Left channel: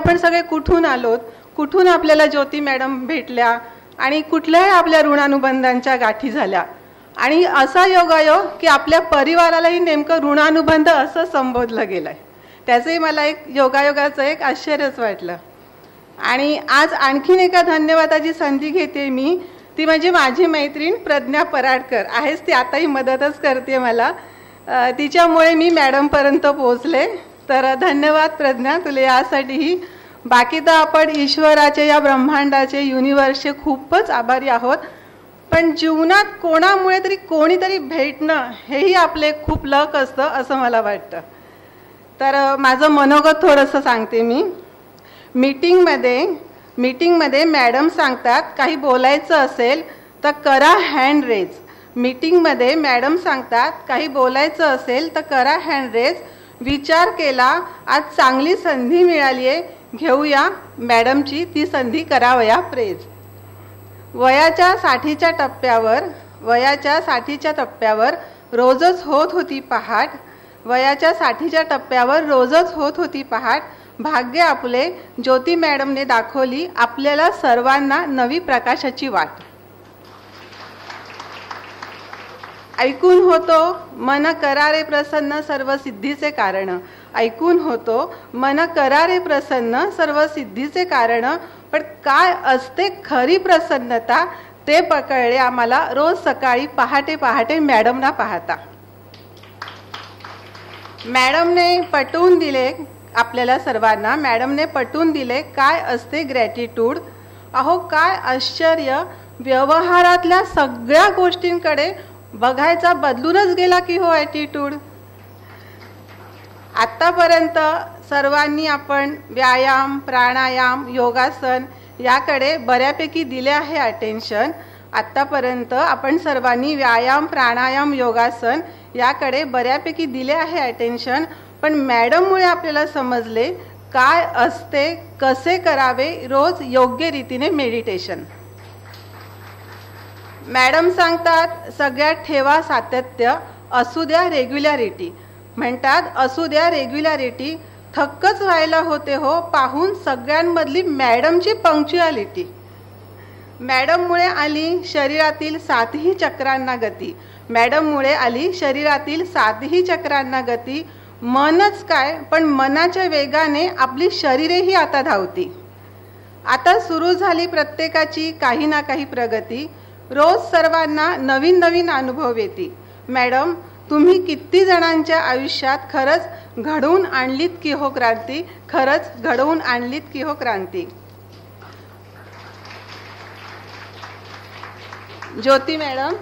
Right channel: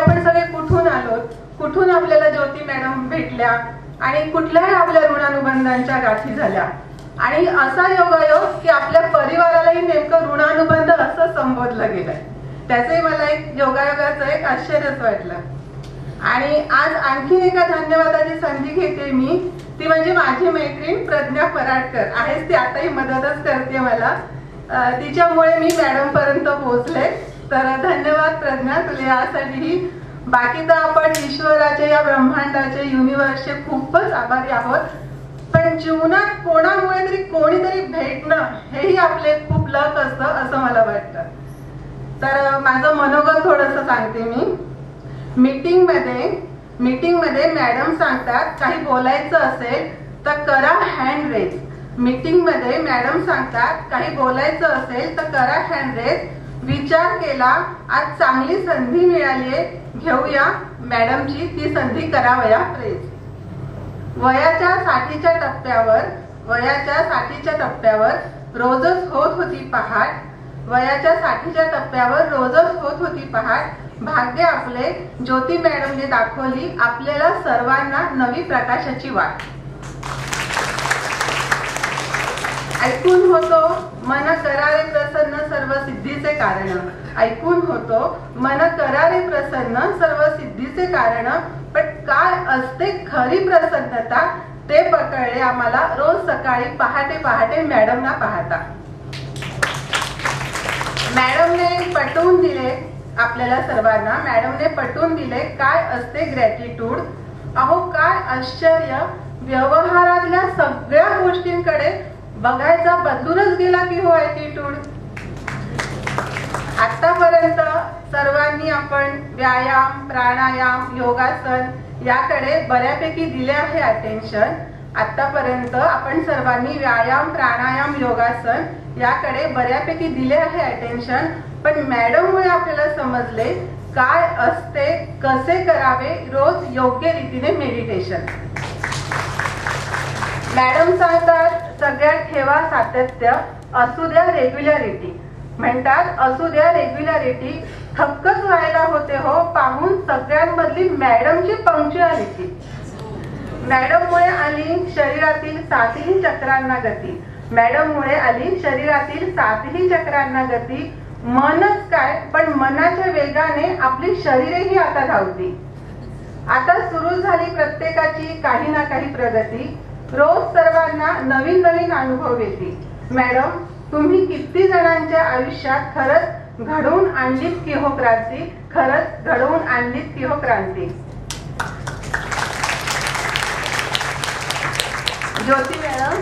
आपण सगळे कुठून आलोत, कुठून आपल्याला ज्योती मॅडम भेटल्या आणि कुठल्याही आपल्या ऋणानुबंधांच्या गाठी झाल्या आणि असा योगायोग की आपल्या परिवारालाही नेमकं ऋणानुबंध असं संबोधलं गेलंय. त्याचंही मला एक योगायोगाचं एक आश्चर्यच वाटलं. आणि आज आणखीन एका धन्यवादाची संधी घेते मी, ती म्हणजे माझी मैत्रीण प्रज्ञा पराडकर आहेच. ती आताही मदतच करते मला, तिच्यामुळे मी मॅडम पर्यंत पोहोचले. तर धन्यवाद प्रज्ञा तुला यासाठीही. बाकी तर आपण ईश्वराचे, या ब्रह्मांडाचे, युनिव्हर्सचे खूपच आभारी आहोत. पण जीवनात कोणामुळे तरी कोणीतरी भेटणं हेही आपले खूप लक असतं असं मला वाटतं. तर माझं मनोगत थोडंसं सांगते मी. मीटिंगमध्ये मॅडम सांगतात काही बोलायचं असेल तर करा हँड रेज. मीटिंगमध्ये मॅडम सांगतात काही बोलायचं असेल तर करा हँड रेज. विचार केला, आज चांगली संधी मिळाली आहे, घेऊया मॅडमची ती संधी, करावया प्रेज. वयाच्या 60च्या टप्प्यावर रोजच होत होती पहाट. वयाच्या 60च्या टप्प्यावर रोजच होत होती पहाट. भाग्य आपले ज्योती मॅडमने दाखवली आपल्याला सर्वांना नवी प्रकाशाची वाट. ऐकून होतो मन करारे प्रसन्न सर्व सिद्धीचे कारण. ऐकून होतो मन करारे प्रसन्न सर्व सिद्धीचे कारण. पण काय असते खरी प्रसन्नता ते पकडले आम्हाला रोज सकाळी पहाटे पहाटे मॅडमना पाहता. मॅडमने पटवून दिले आपल्याला सर्वांना, मॅडमने पटवून दिले काय असते ग्रॅटिट्यूड. अहो काय आश्चर्य, व्यवहारातल्या सगळ्या गोष्टींकडे बघायचा बदलूनच गेला की हो ॲटिट्यूड. आतापर्यंत सर्वांनी आपण व्यायाम, प्राणायाम, योगासन याकडे बऱ्यापैकी दिले आहे अटेन्शन. आतापर्यंत आपण सर्वांनी व्यायाम, प्राणायाम, योगासन याकडे बऱ्यापैकी दिले आहे अटेन्शन. पण मॅडममुळे आपल्याला समजले काय असते, कसे करावे रोज योग्य रीतीने मेडिटेशन. मॅडम सांगतात सगळ्यात ठेवा सातत्य, असू द्या रेग्युलॅरिटी. म्हणतात असू द्या रेग्युलॅरिटी. थक्कच व्हायला होते हो पाहून सगळ्यांमधली मॅडमची पंक्च्युअलिटी. मॅडममुळे आली शरीरातील 7ही चक्रांना गती. मॅडममुळे आली शरीरातील 7ही चक्रांना गती. मनच काय पण मनाच्या वेगाने आपली शरीरेही आता धावती. आता सुरू झाली प्रत्येकाची काही ना काही प्रगती. रोज सर्वांना नवीन नवीन अनुभव येतील. मॅडम तुम्ही किती जणांच्या आयुष्यात खरंच घडवून आणलीत की हो क्रांती. खरंच घडवून आणलीत की हो क्रांती. ज्योती मॅडम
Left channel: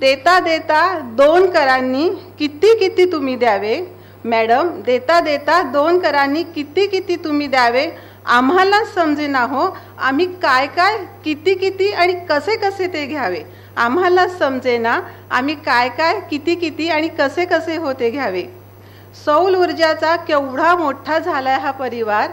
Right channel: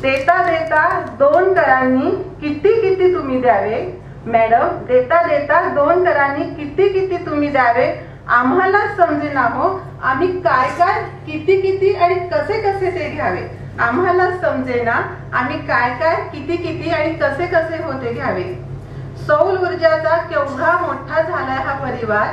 देता देता 2 करांनी किती किती तुम्ही द्यावे. मॅडम देता देता 2 करांनी किती किती तुम्ही द्यावे. आम्हाला समजेना हो आम्ही काय काय किती किती आणि कसे कसे ते घ्यावे. आम्हाला समजेना आम्ही काय काय किती किती आणि कसे कसे होते घ्यावे. सौर ऊर्जाचा केवढा मोठा झालाय हा परिवार.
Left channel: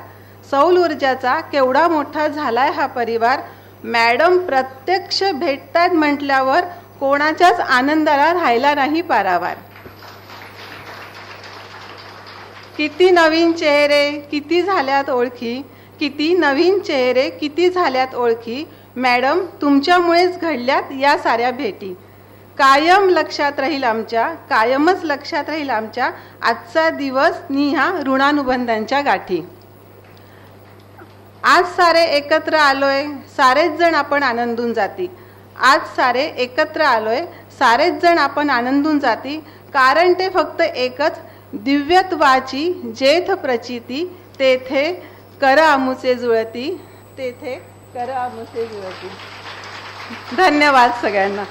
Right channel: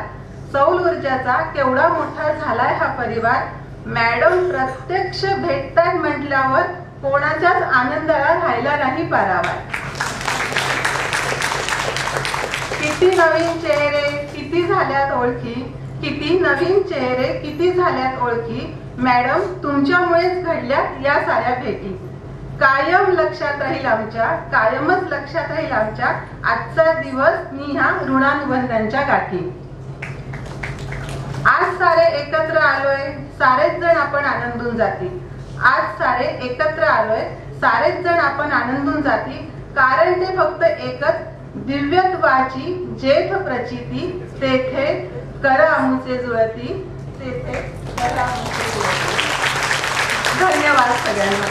सौर ऊर्जाचा केवढा मोठा झालाय हा परिवार. मॅडम प्रत्यक्ष भेटतात म्हटल्यावर कोणाच्याच आनंदाला राहिला नाही पारावार. किती नवीन चेहरे किती झाल्यात ओळखी. किती नवीन चेहरे किती झाल्यात ओळखी. मॅडम तुमच्यामुळेच घडल्यात या साऱ्या भेटी. कायम लक्षात राहील आमच्या, कायमच लक्षात राहील आमच्या आजचा दिवस नि ह्या ऋणानुबंधांच्या गाठी. आज सारे एकत्र आलोय सारेच जण आपण आनंदून जाती. आज सारे एकत्र आलोय सारेच जण आपण आनंदून जाती. कारण ते फक्त एकच, दिव्यत्वाची जेथ प्रचिती. तेथे कर आमुचे जुळती. तेथे कर आमुचे जुळती. धन्यवाद सगळ्यांना.